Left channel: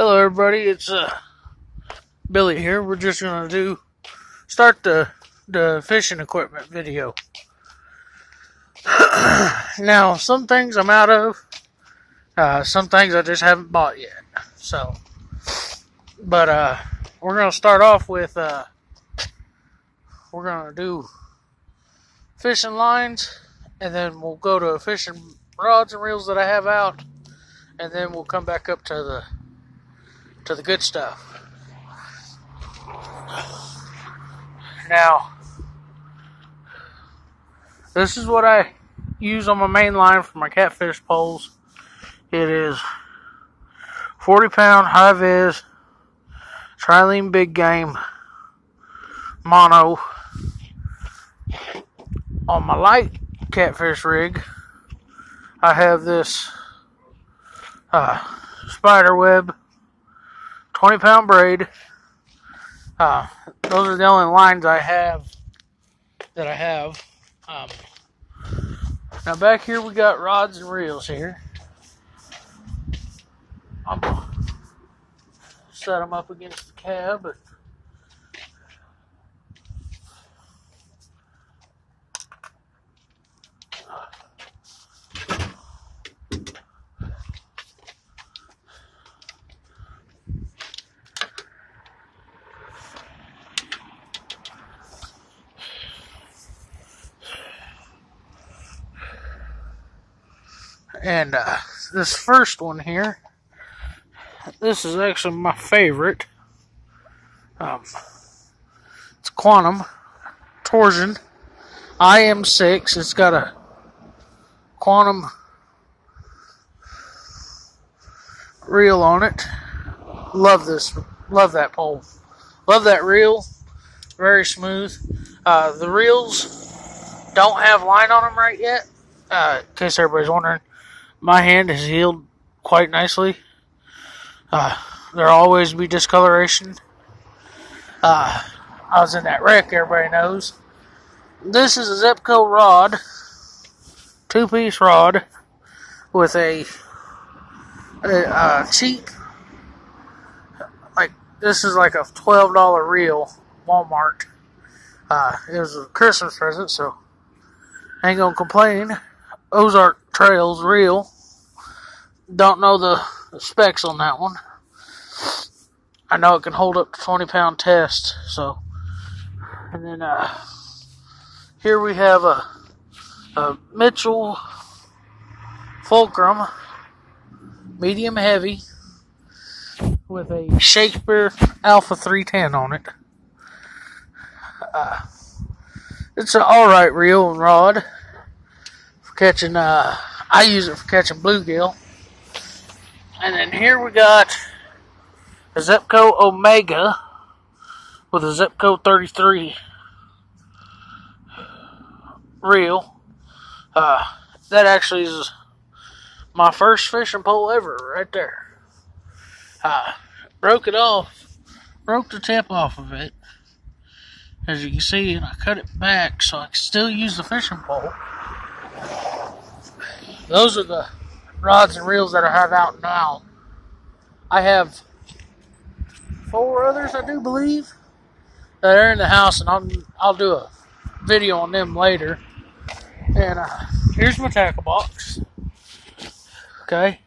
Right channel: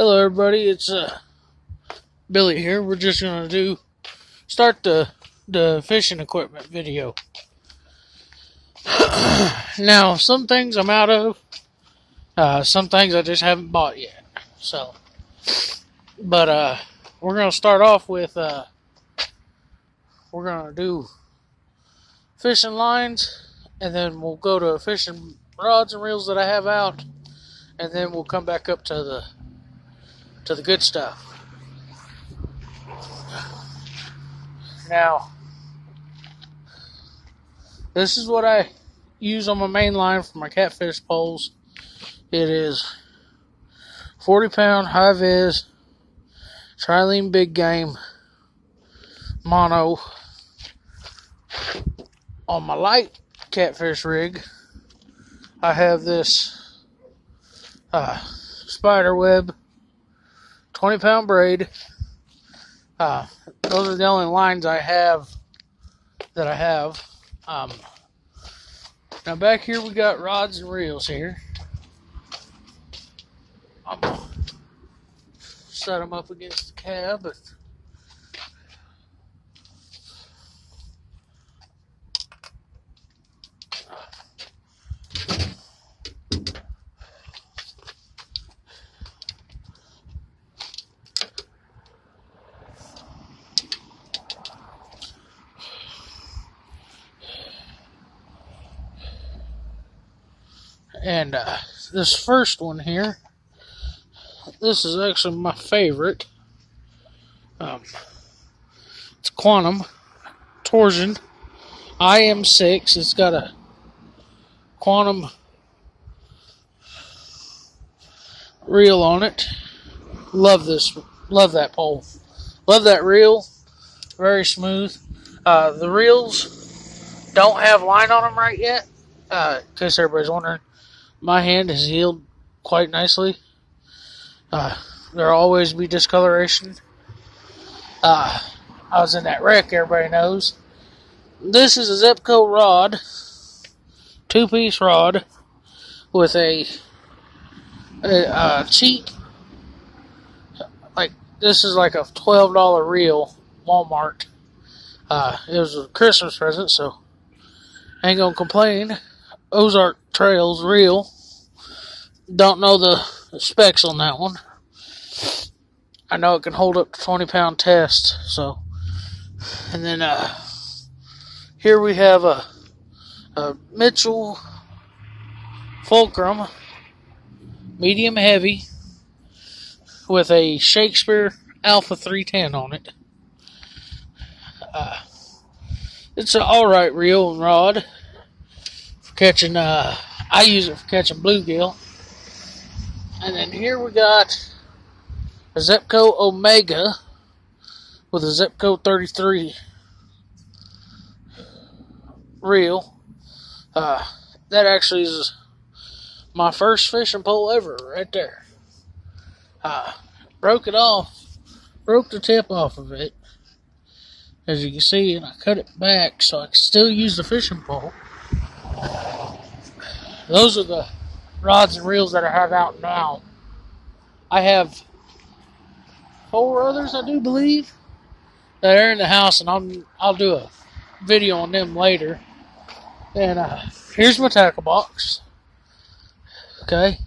Hello everybody, it's Billy here. We're just gonna start the fishing equipment video. Now, some things I'm out of, some things I just haven't bought yet. But we're gonna start off with we're gonna do fishing lines, and then we'll go to fishing rods and reels that I have out, and then we'll come back up to the good stuff. Now, this is what I use on my main line for my catfish poles. It is 40-pound high-vis trilene big game mono. On my light catfish rig, I have this spider web 20-pound braid. Those are the only lines I have that I have. Now back here we got rods and reels here. I'm gonna set them up against the cab. And this first one here, this is actually my favorite. It's Quantum Torsion IM6. It's got a Quantum reel on it. Love that pole. Love that reel. Very smooth. The reels don't have line on them right yet. In case everybody's wondering. My hand has healed quite nicely. There'll always be discoloration. I was in that wreck, everybody knows. This is a Zebco rod, 2-piece rod, with a cheap, like, this is like a $12 reel, Walmart. It was a Christmas present, so I ain't gonna complain. Ozark Trails reel. Don't know the specs on that one. I know it can hold up to 20-pound test. So, and then here we have a Mitchell Fulcrum medium heavy with a Shakespeare Alpha 310 on it. It's an alright reel and rod. Catching, I use it for catching bluegill. And then here we got a Zebco Omega with a Zebco 33 reel. That actually is my first fishing pole ever, right there. Broke the tip off of it, as you can see, and I cut it back so I can still use the fishing pole. Those are the rods and reels that I have out now. I have 4 others, I do believe, that are in the house, and I'll do a video on them later. And here's my tackle box. Okay.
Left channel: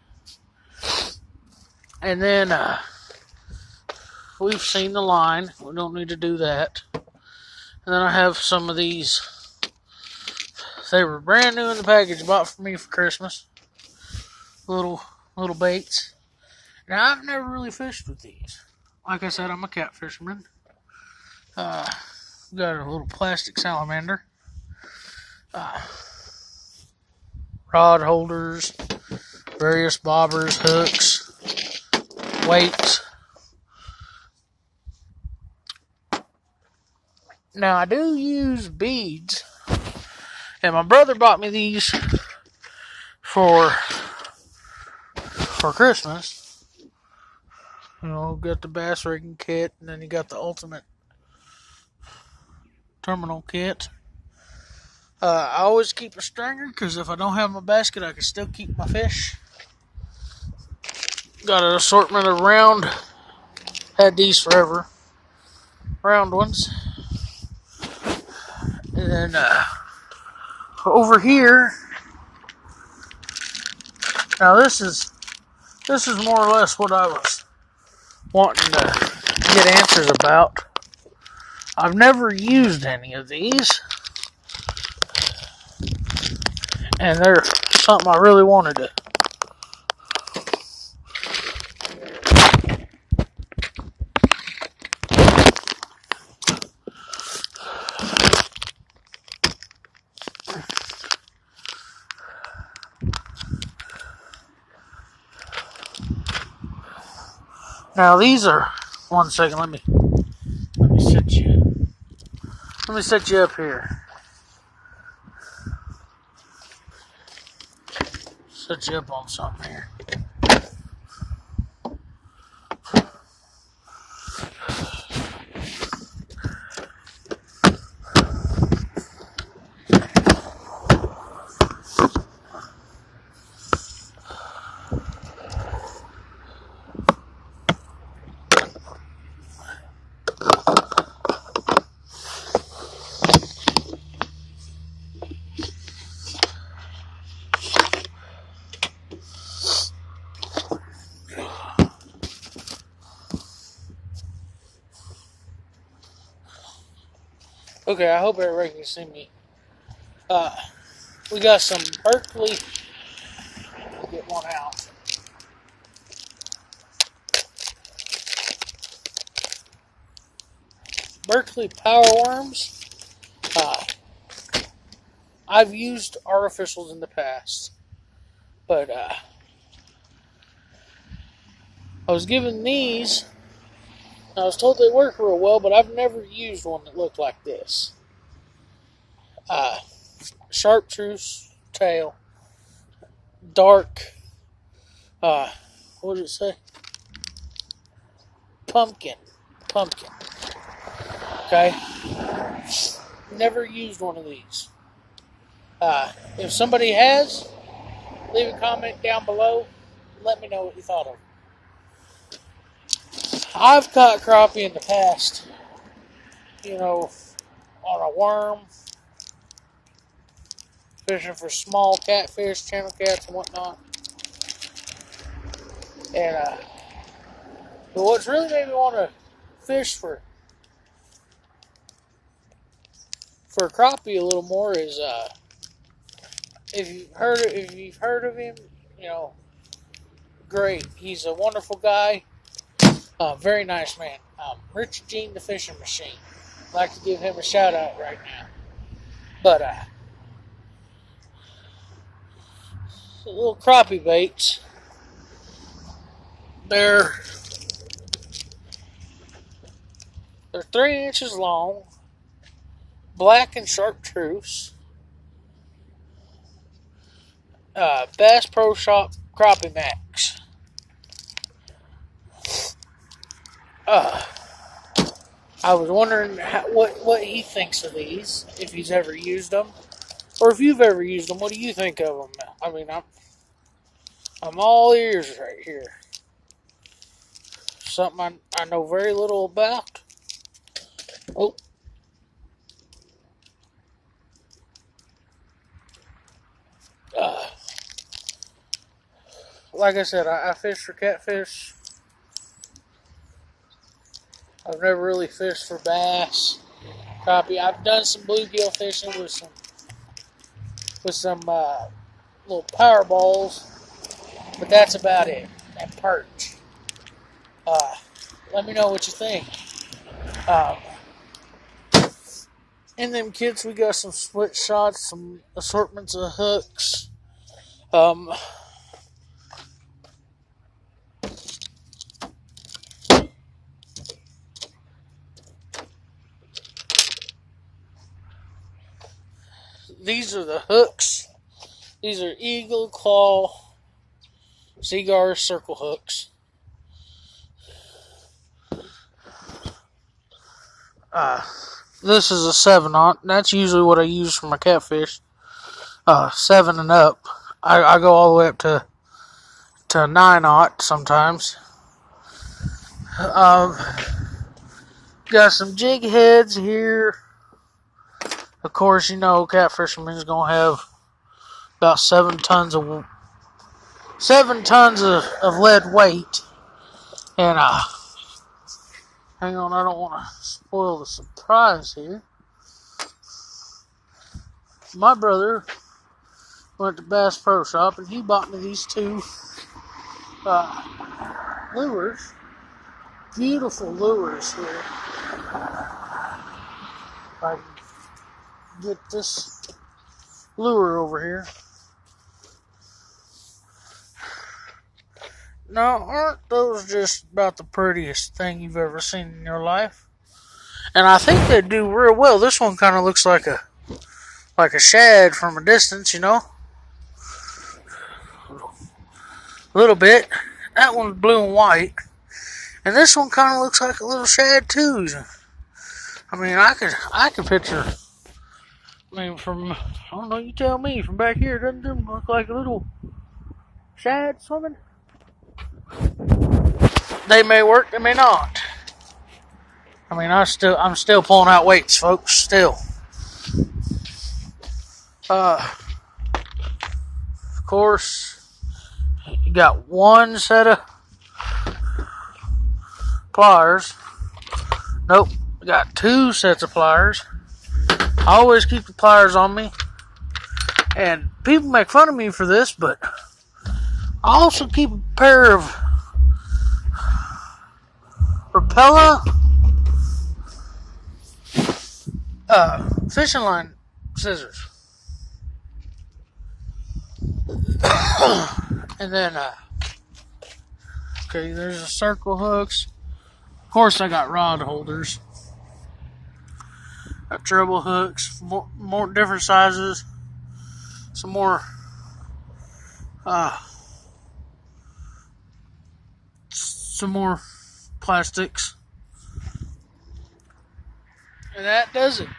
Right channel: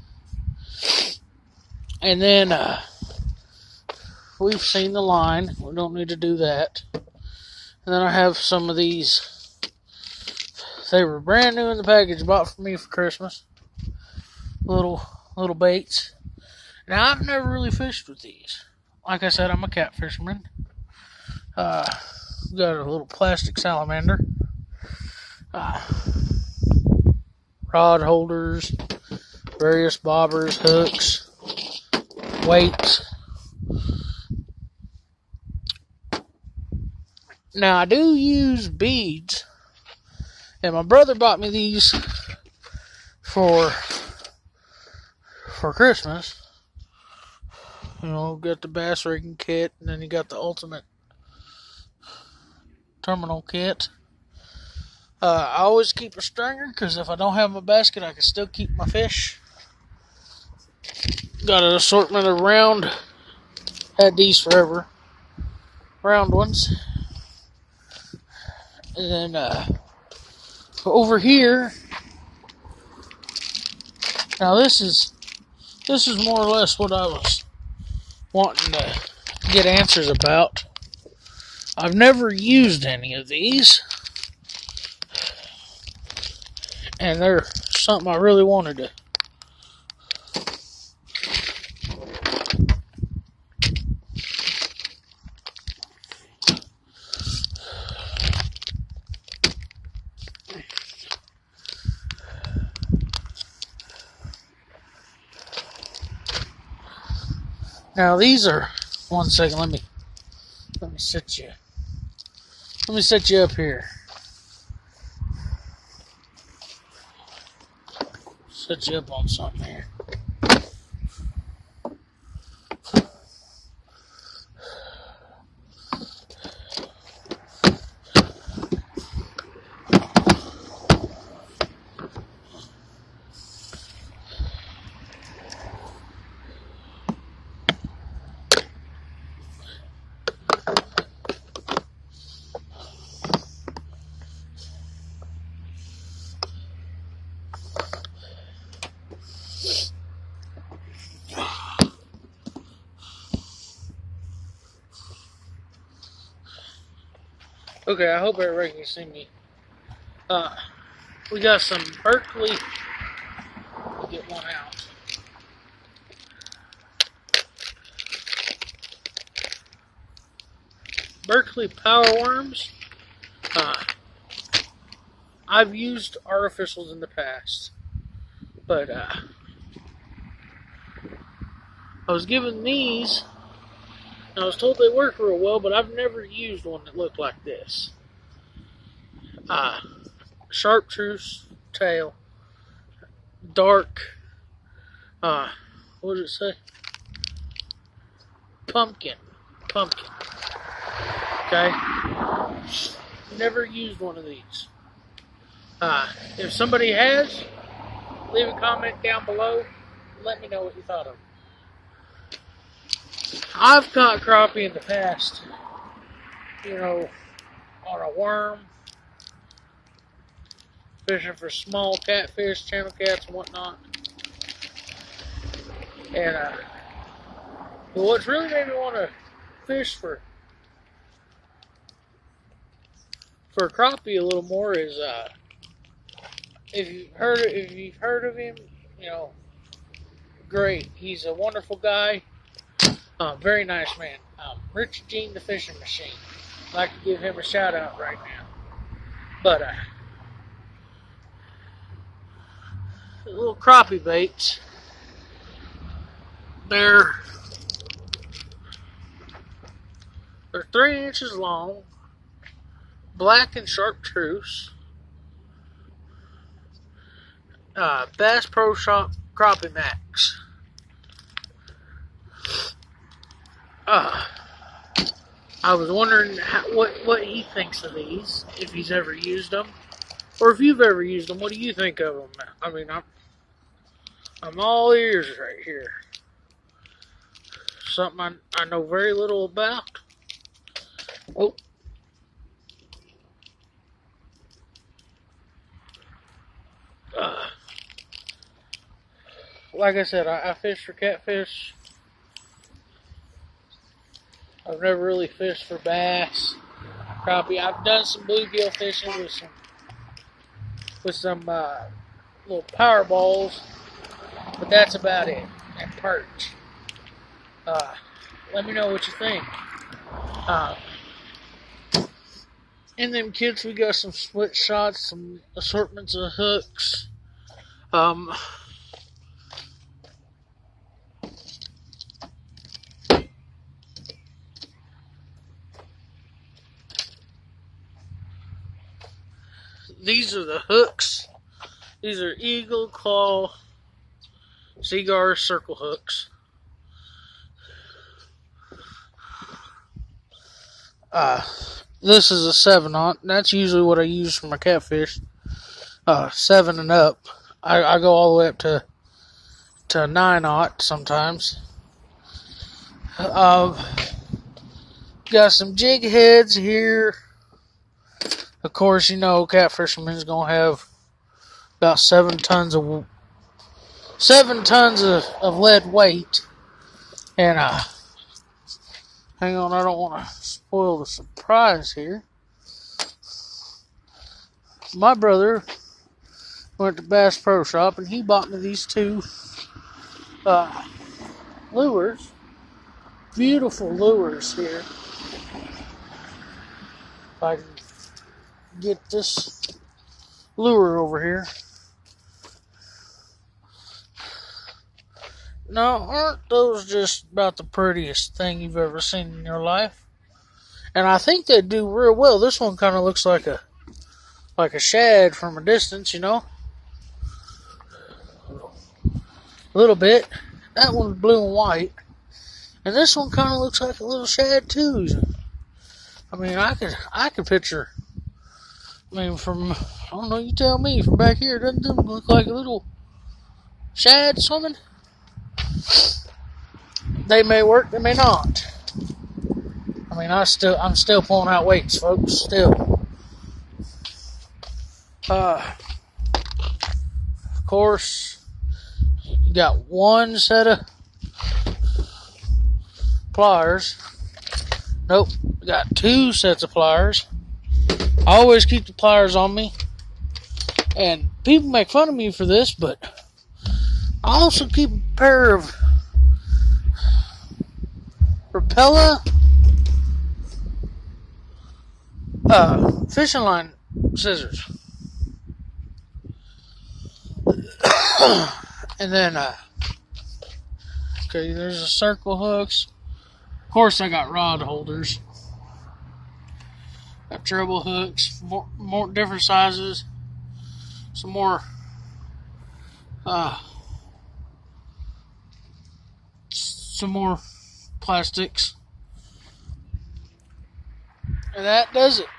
And then we've seen the line. We don't need to do that. And then I have some of these. They were brand new in the package, bought for me for Christmas. Little baits. Now, I've never really fished with these. Like I said, I'm a cat fisherman. Got a little plastic salamander. Rod holders, various bobbers, hooks, weights. Now, I do use beads. And my brother bought me these for Christmas. You know, got the bass rigging kit, and then you got the ultimate terminal kit. I always keep a stringer, because if I don't have my basket, I can still keep my fish. Got an assortment of round. Had these forever. Round ones. And then over here. Now this is more or less what I was wanting to get answers about. I've never used any of these. And they're something I really wanted to. Now these are, one second, let me set you up here. Set you up on something here. Okay, I hope everybody can see me. We got some Berkley. We'll get one out. Berkley Power Worms. I've used artificials in the past, but I was given these. I was told they work real well, but I've never used one that looked like this. Chartreuse tail, dark, what did it say? Pumpkin. Okay? Never used one of these. If somebody has, leave a comment down below. Let me know what you thought of it. I've caught crappie in the past, on a worm, fishing for small catfish, channel cats, and whatnot. And but what's really made me want to fish for crappie a little more is if you've heard of him, great. He's a wonderful guy. Very nice man. Richard Jean the Fishing Machine. I'd like to give him a shout out right now. But little crappie baits. They're 3 inches long, black and chartreuse. Bass Pro Shop Crappie Max. I was wondering what he thinks of these, if he's ever used them, or if you've ever used them. What do you think of them? I mean, I'm all ears right here. Something I know very little about. Oh. Like I said, I fish for catfish. I've never really fished for bass, crappie. I've done some bluegill fishing with some little power balls, but that's about it. And perch. Let me know what you think. In them kits, we got some split shots, some assortments of hooks. These are the hooks. These are Eagle Claw Seaguar circle hooks. This is a 7/0. That's usually what I use for my catfish. 7 and up. I go all the way up to to 9/0 sometimes. Got some jig heads here. Of course, you know, catfisherman's gonna have about 7 tons of lead weight. And hang on, I don't want to spoil the surprise here. My brother went to Bass Pro Shop and he bought me these 2 lures. Beautiful lures here. If I can get this lure over here. Now, aren't those just about the prettiest thing you've ever seen in your life? And I think they do real well. This one kind of looks like a shad from a distance, you know? A little bit. That one's blue and white. And this one kind of looks like a little shad too. I mean, I could picture, from, I don't know, you tell me, from back here, doesn't it look like a little shad swimming? They may work, they may not. I mean, I'm still pulling out weights, folks, still. Of course, you got one set of pliers. Nope, got 2 sets of pliers. I always keep the pliers on me. And people make fun of me for this, but I also keep a pair of Rapala fishing line scissors. And then, okay, there's the circle hooks. Of course, I got rod holders. Got treble hooks, more different sizes. Some more, plastics. And that does it.